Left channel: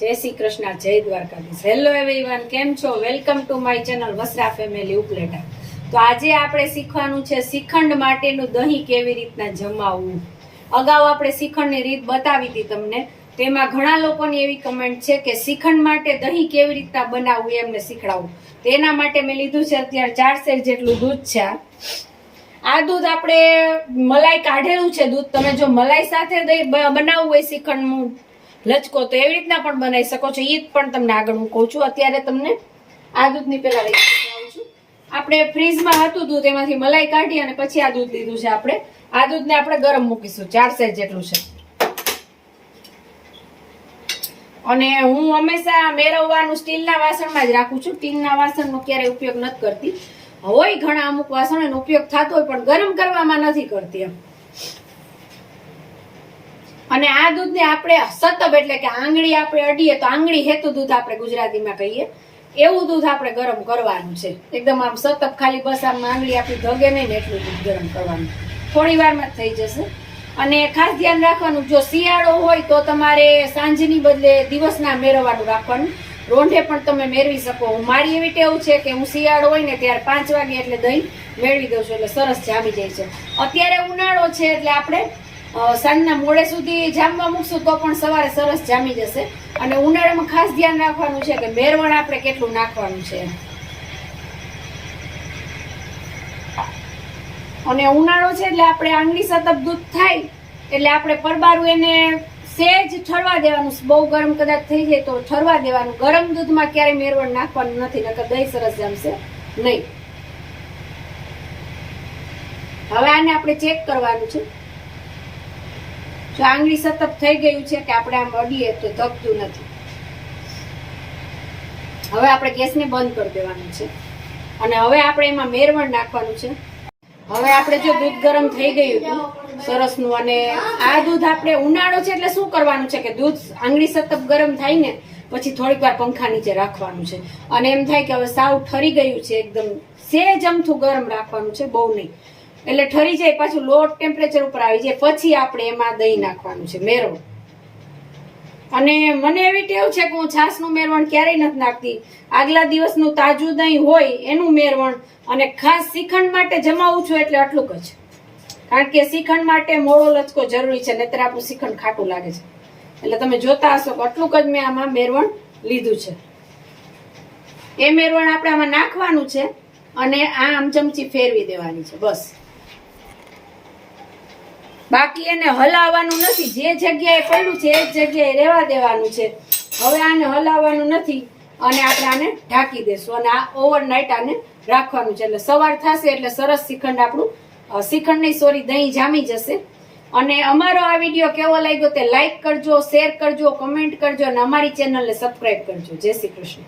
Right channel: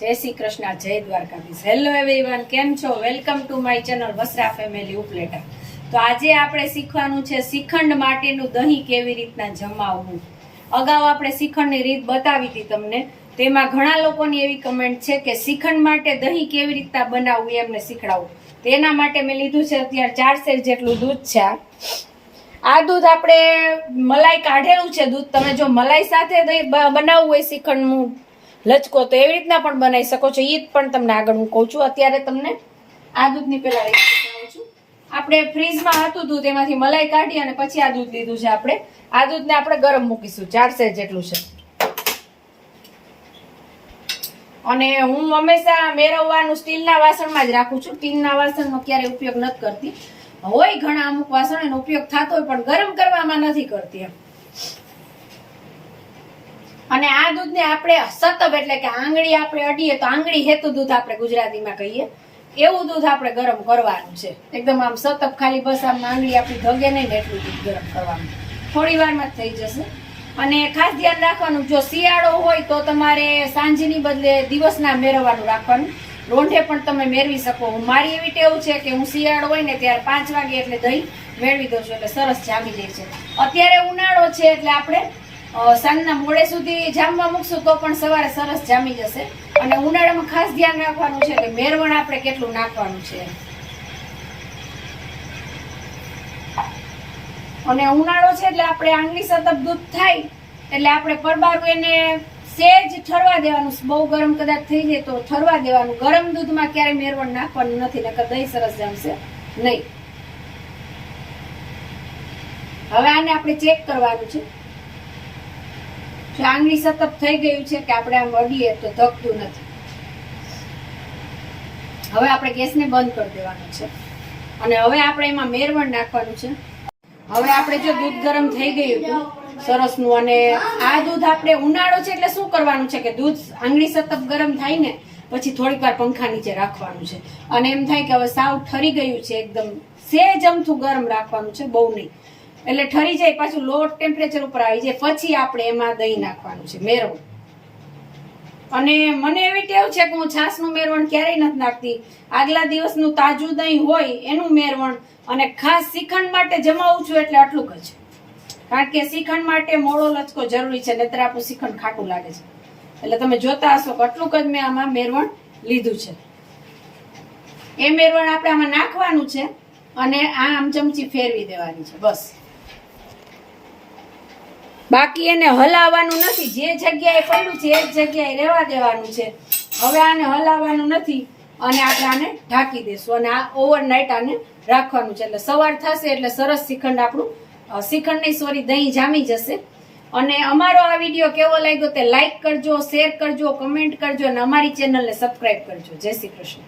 જય શ્રી કૃષ્ણ, જય Dwarkadhish. Hello everyone, કેમ છો? Welcome to my channel Vasra family Upleta. તો આજે આપણે શીખવાનું છે શ્રીખંડ માટેનું દહીં કેવી રીતના જમાવવું. અગાઉ આપણે શ્રીખંડની રીત બતાવી હતી તમને. તેમાં ઘણા લોકોની એવી કમેન્ટ છે કે શ્રીખંડ માટે દહીં કેવી રીતના બનાવવું એમને શીખડાવું. તેના માટે મેં લીધું છે અત્યારે 4 સેર જેટલું દૂધ છે. આ દૂધ આપણે મલાઈ કાઢેલું છે દૂધ. તમે જો મલાઈ સાથે બનાવવું હોય શ્રીખંડનું લચકો તો એવી રીતના પણ બનાવી શકો છો. ઈ પણ તમને આગળ હું કહું છું. અત્યારે તમને આ દૂધની પેલા રીત શીખવાડું છું. આપણે ફ્રીજમાં હતું દૂધ, એમાંથી મલાઈ કાઢી અને પછી આ દૂધ લીધું છે આપણે. આ દૂધને આપણે ગરમ મૂકીશું. 4 સેર જેટલું છે. અને હું હંમેશા મેળવવાનું સ્ટીલના વાસણમાં જ રાખું છું. સ્ટીલના વાસણનો ક્યારેય ઉપયોગ નથી કરતી. હોય ઘણા અમુક વાસણ એનો ઉપયોગ થતો હોય પણ ગરમ કરવામાં નથી કરતી એમ. અને આ દૂધને આપણે સતબ એટલે કે આંગળી આપણે અડીએ તો આંગળી હેતું દૂધ આપણે ગુજરાતીમાં કહીએ, એવું દૂધ આપણે ગરમ કરવાનું છે. એકદમ આમ સતબ, ખાલી બસ આમ આંગળી આપણી ધગે નહીં ને એટલું દૂધ ગરમ કરવાનું. થોડી વારમાં જ થઈ જશે. અને ખાસ ધ્યાન રાખવાનું, જો શિયાળો હોય તો તમારે સાંજની બદલે દિવસના મેળવવાનું રાખવાનું. રોંઢે પણ તમે મેળવી શકો. મારી એવી ટેવ છે કે હું શિયાળો હોય ને ત્યારે 5 વાગે એટલે દહીં મેળવી દઉં છું, એટલે સરસ જામી જાય છે. અત્યારે ઉનાળો છે એટલે આપણે સાંજના મોડે સુધી જામવા મૂકશું તો પણ સવારે સરસ જામી જશે. અને ઉનાળામાં ખાસ ધ્યાન રાખવાનું છે કે મેરવણ આપણે કેટલું નાખવાનું છે. અને ઉનાળો છે એટલે આપણે આંગળી સતત દૂધ થાય એટલે આપણે પરબારું એને સેજ ઠરવા દેવાનું. બહુ ગરમ કદાચ થઈ જાય તો ઠરવા દેવાનું. ગરમ દૂધમાં ક્યારેય મેરવણ નાખવાનું નથી, નકર દહીં સરસ જામશે નહીં. હવે આને આપણે ચેક કરવાનું છે. જો આંગળી સતત થઈ ગયું છે કે આપણે આમ અડીએ તો ધકતું નથી. હવે આપણે ગેસને બંધ કરી દેવાનું છે. અને હવે આપણે એમાં મેરવણ નાખવાનું છે. હવે આપણે જો દૂધ ગરમ થઈ ગયું હતું સરસનું, અને આ દૂધ આપણે ઉનાળો છે એટલે શું કરવાનું છે કે દૂધ આંગળી સતત ગરમ થાય ને પછી થોડીક વાર પંખા નીચે રાખવાનું છે. અને એમ થાય કે હવે સાવ ઠરી ગયું છે, એકદમ સેજ અમથું ગરમ રાખવાનું છે, બહુ નહીં. એટલે ઠરી જાય, પાછું લો ટેમ્પરેચર ઉપર આવી જાય પછી આપણે એમાં દહીં નાખવાનું છે, મેરવણ. અને મને એવી ટેવ છે કે હું છાશનું મેરવણ ક્યારેય નથી નાખતી. આગલા દિવસનું તાજું દહીં હોય એનું મેરવણ. અને ખાસ શ્રીખંડ માટે જમાવું છું એટલે આટલું જ, કારણ કે શ્રીખંડ માટે મોળો લચકો જરૂરી છે, નહીતર આપણું શ્રીખંડ ખાટું લાગે છે. એટલે તમે જોતા હશો કે આટલું જ મેં આમાં મેરવણ લીધું છે. એ મેરવણ આપણે આમાં નાખવાનું છે અને આ આમ ચમચી ફેરવી દેવાની છે બસ. બાકી એને હલાવવાનું નથી. જે જગ્યાએ પડ્યું છે એ જગ્યાએ રહેવા દેવાનું છે. હવે આને હલાવવાનું નથી અને આપણે આને ઢાંકી દેશું અને આ ઓવરનાઇટ આને રાખવાનું છે. એટલે સવાર થશે એટલે સરસ શ્રીખંડ આપણું દહીં જામી જશે. અને અમારો આ વિડીયો કેવો લાગ્યો તે લાઈક કરજો, શેર કરજો, કમેન્ટ કરજો અને અમારી ચેનલને સબસ્ક્રાઇબ કરજો. જય શ્રી કૃષ્ણ.